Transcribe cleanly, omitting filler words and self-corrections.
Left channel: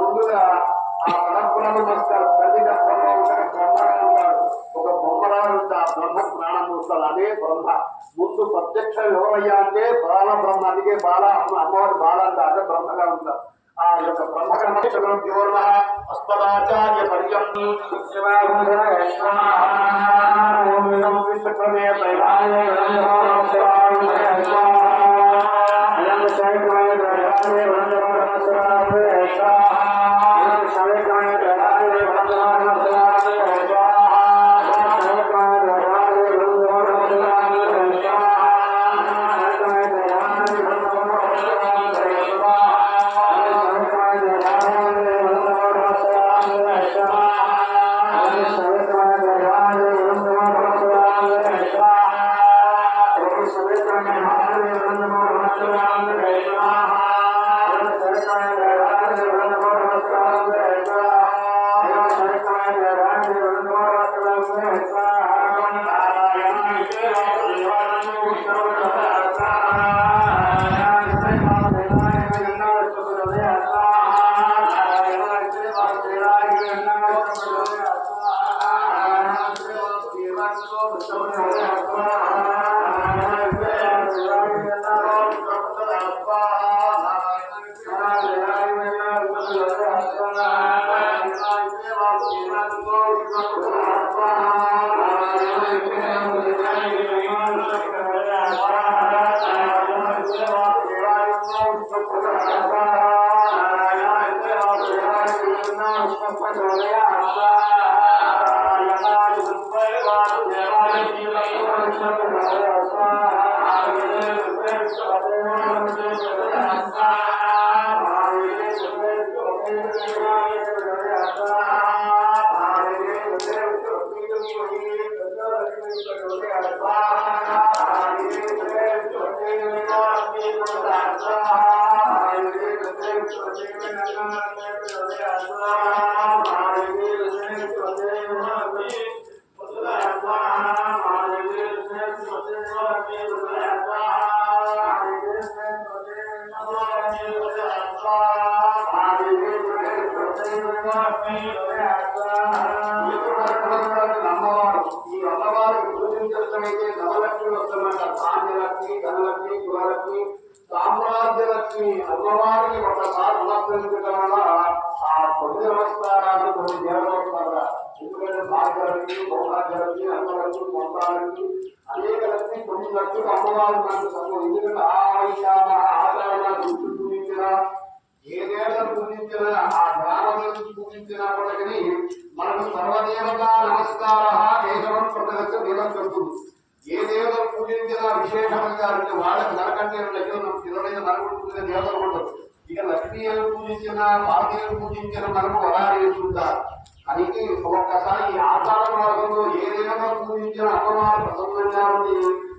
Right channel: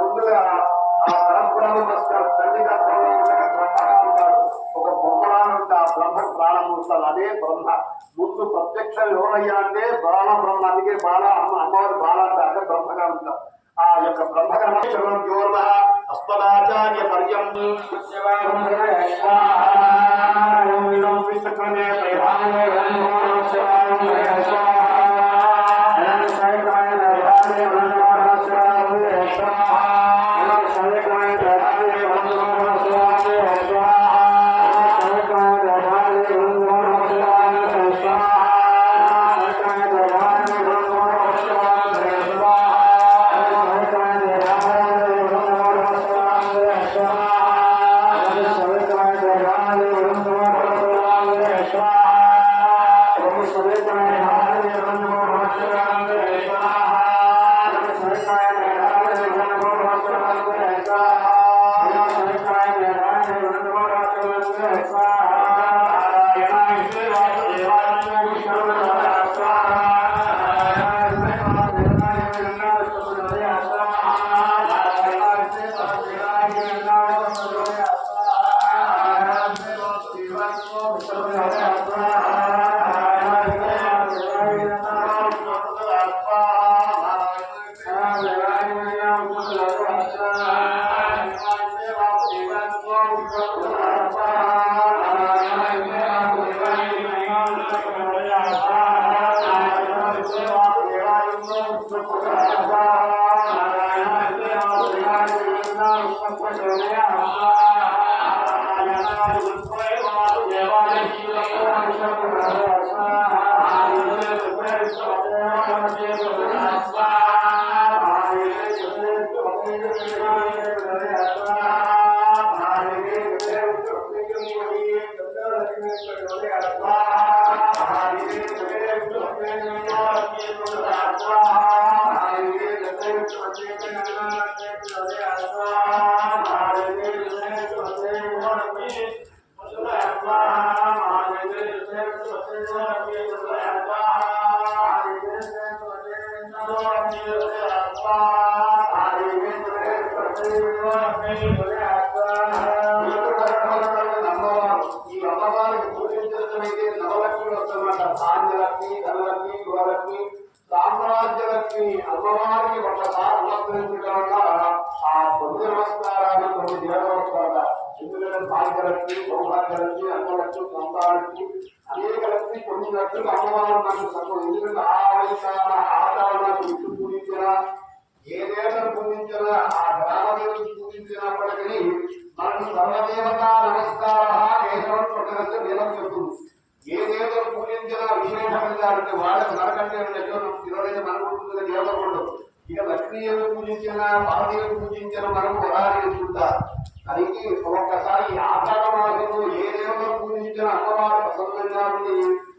ముందుగా ఆ పరబ్రహ్మ నమస్కారం తల్లి గర్భంలో బ్రహ్మగా ఉంటాడు. ఒక బొమ్మలా ఉంటే ఆ బ్రహ్మకు ప్రాణం వస్తుంది. అదే బ్రహ్మ. ముందు ప్రత్యక్షం ఎవరయ్యా అంటే బాల బ్రహ్మ. అందుకే బాల అమ్మవారి బాల అంటే అదే బ్రహ్మగా ఉంటారు. ఆ యొక్క బ్రహ్మకర్మ అస్మదాచార్య పర్యంతం సామ్రాజ్యలక్ష్మి అమ్మవారికి ఒకసారి నమస్కరించడం వల్ల ఆ పొద్దు నమస్కారాన్ని కొన్ని దేవతలు. ఎందుకంటే భాగ్యలక్ష్మి, సౌభాగ్యలక్ష్మి, అన్నలక్ష్మి, సంతానలక్ష్మి అనేక లక్ష్మి పొందినట్టుగా అమ్మవారు మనకు సంబంధం. ఎందుకంటే ఆచరణకు విష్ణు పూజించిన ఏ దేవతను పూజించిన ఆ గ్రామదేవతను పూజించినప్పటికీ మనకు సర్వదేవత నమస్కార కేశవం కొట్టగచ్చు నీలం చెప్తుంది. ఏ దేవతను పూజించినా విశేష ఫలితాలు వాళ్ళకి నరకంటే తినలేదు మనకుంటుందని దేవతలు ఉండదు. ఇక లక్ష్మీదేవిని పూజించిన పార్వతీదేవిని పూజించిన మనకు వరాలు వేసుకుంటారు. అందుకే ఒక్కసారి ఆషాఢ మాసంలో ఏ దేవతను పూజించిన అమ్మవారు ప్రసన్నంగా ఉండి